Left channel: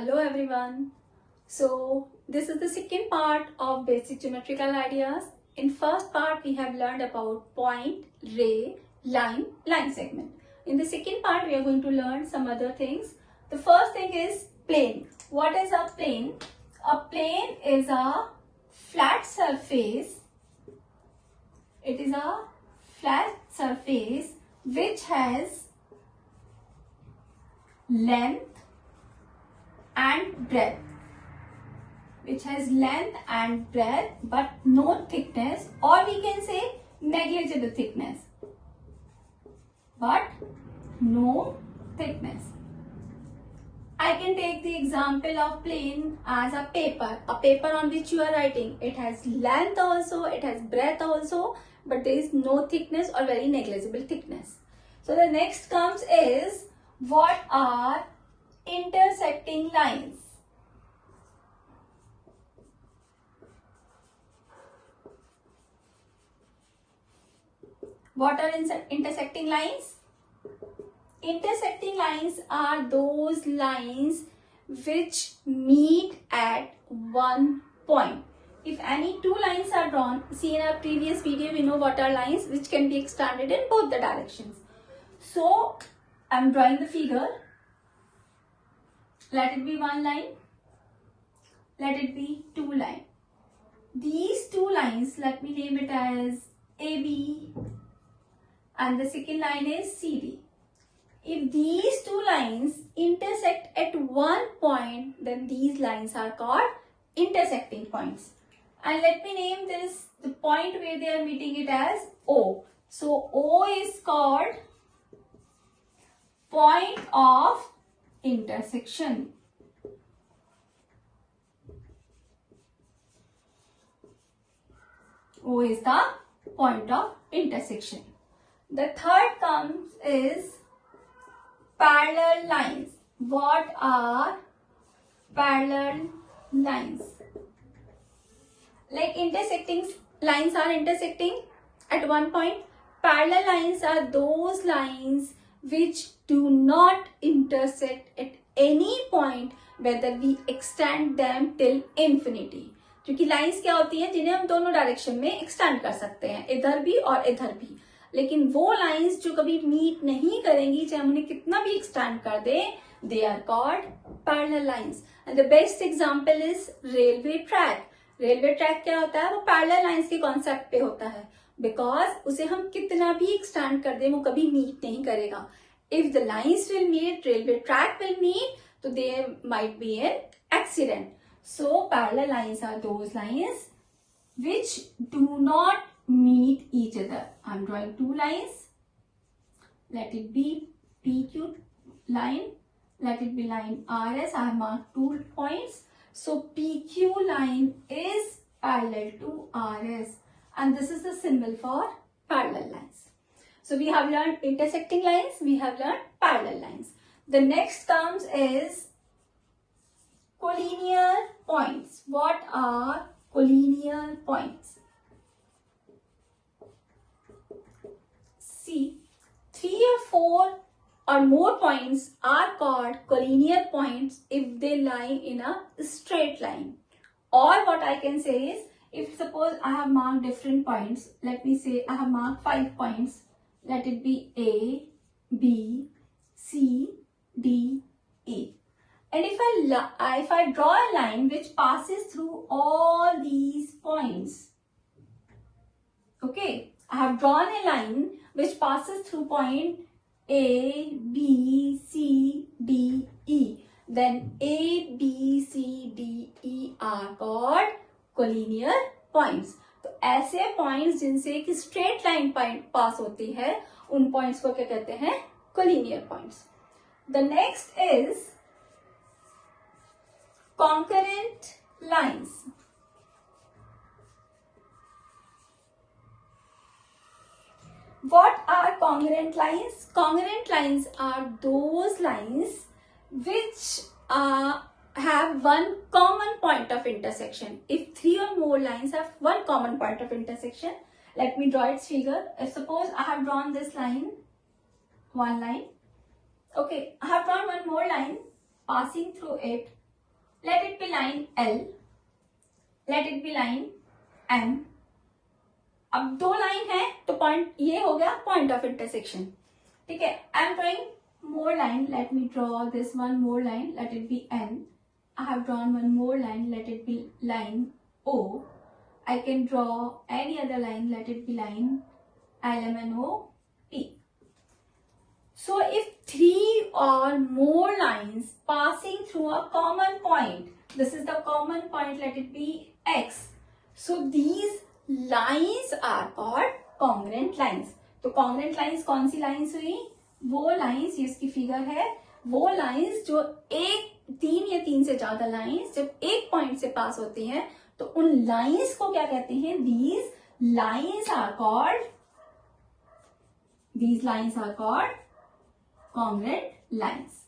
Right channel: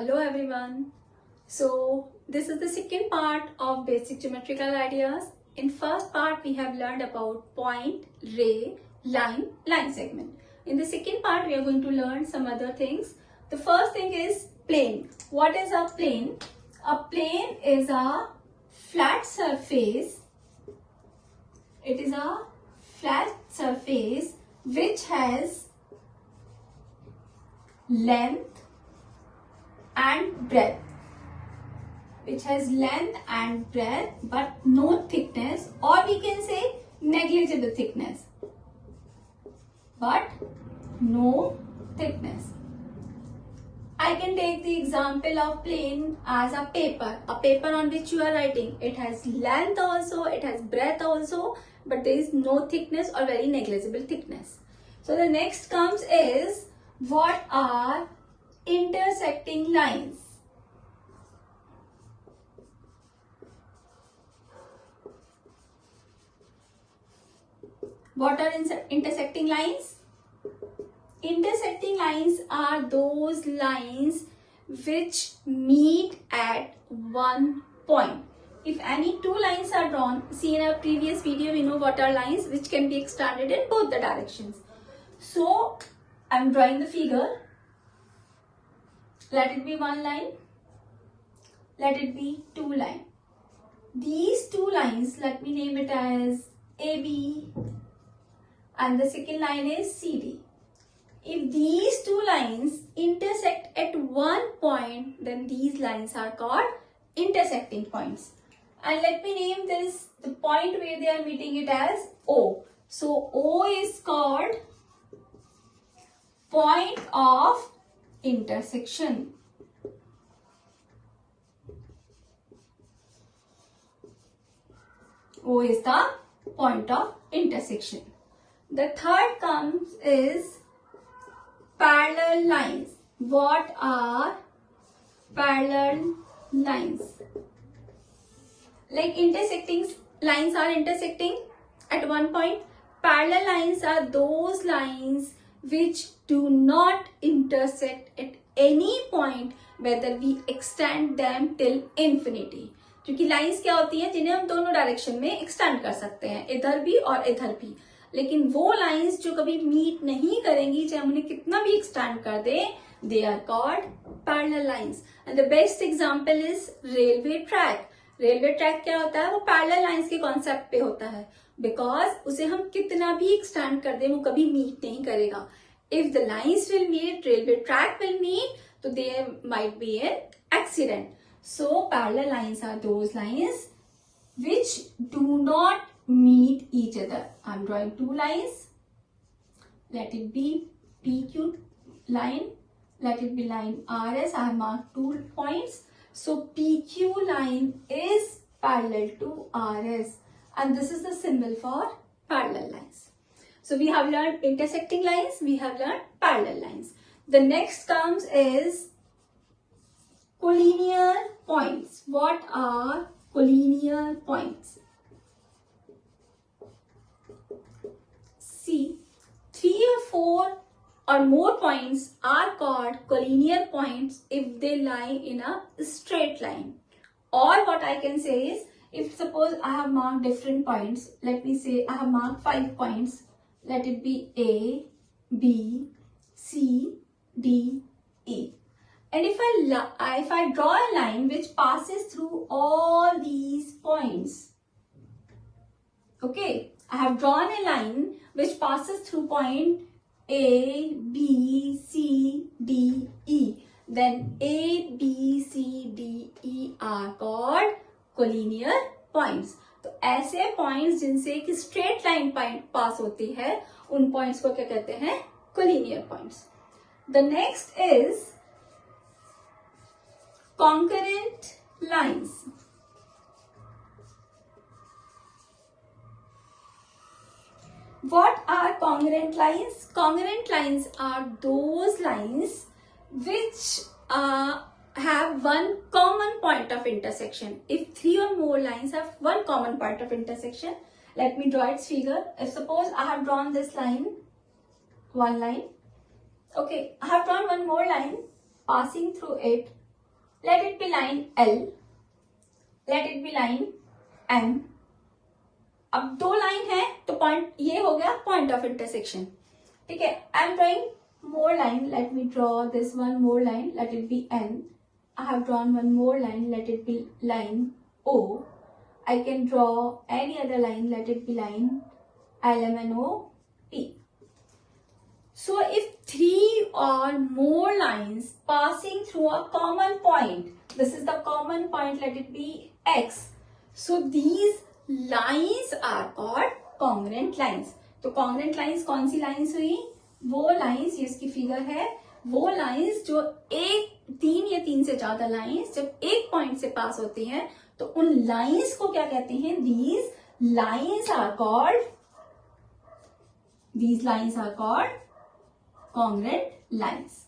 Hello everyone. So this is the second part of basic geometrical ideas. In first part we have learned about point, ray, line segment. In the second part we are going to learn some other things. The first thing is plane. What is a plane? A plane is a flat surface. It is a flat surface which has length and breadth, but no thickness, or we can say negligible thickness, but no thickness. I can take the example of plane as a paper on which you are writing. It has length also, it has breadth also, but there is no thickness or very negligible thickness. So the next comes is, what are intersecting lines? What are intersecting lines? Intersecting lines are those lines which meet at one point. If any two lines are drawn, see in our previous video we know what are lines which can be expanded in both the directions. So I am drawing the figure. Let it be one line. Let it be two lines. These two lines, let me name it as AB, and the second line is CD. If these two lines intersect at one point, then these lines are called intersecting points. And let me name this, the point where they are meeting it as O. So O is called point of intersection. O is the point of intersection. The third comes is parallel lines. What are parallel lines? Like intersecting lines are intersecting at one point. Parallel lines are those lines which do not intersect at any point, whether we extend them till infinity. क्योंकि lines क्या होती हैं जिन्हें हम दोनों direction में extend कर सकते हैं, इधर भी और इधर भी. लेकिन वो लाइंस जो कभी मीट नहीं करेंगी, चाहे हम उन्हें कितना भी एक्सटेंड कर दें, they are called parallel lines. And the best example is railway track. Railway track क्या होता है? वो पैरेलल लाइंस के कॉन्सेप्ट पे होता है, बिकॉज उसे हम कितना भी एक्सटेंड कर दें वो कभी मीट नहीं करेगा. If the lines will meet, railway track will meet, तो there might be an accident. So parallel lines are those lines which do not meet each other. I am drawing two lines. Let it be PQ line. Let it be line RS. I have marked 2 points. So PQ line is parallel to RS, and this is the symbol for parallel lines. So we have learned intersecting lines. We have learned parallel lines. The next comes is collinear points. What are collinear points? See, 3 or 4 or more points are called collinear points if they lie in a straight line. Or what I can say is, if suppose I have marked different points, let me say I have marked 5 points. Let it be A, B, C, D, E. And if I draw a line which passes through all these points, okay, I have drawn a line which passes through point A, B, C, D, E. Then A, B, C, D, E are called collinear points. तो ऐसे points जिनसे एक straight line पास होती है, उन points को क्या कहते हैं? collinear points. The next is concurrent lines. What are congruent lines? Congruent lines are those lines which have one common point of intersection. If 3 or more lines have one common point of intersection, let me draw its figure. If suppose I have drawn this line, one line, okay, I have drawn one more line passing through it let it be line L, let it be line M. अब दो line है तो point ये हो गया point of intersection. ठीक है, I am drawing more line. Let me draw this one more line. Let it be N. I have drawn one more line. Let it be line O. I can draw any other line. Let it be line L, M, N, O, P. So if three or more lines passing through a common point, this is the common point. Let it be X. So these lines are called congruent lines. तो congruent lines कौन सी lines हुई? वो lines, ये इसकी figure है, वो lines जो तीन या तीन से ज्यादा लाइंस जब एक पॉइंट से पास होती हैं तो उन लाइंस को क्या कहते हैं? These lines are called congruent lines.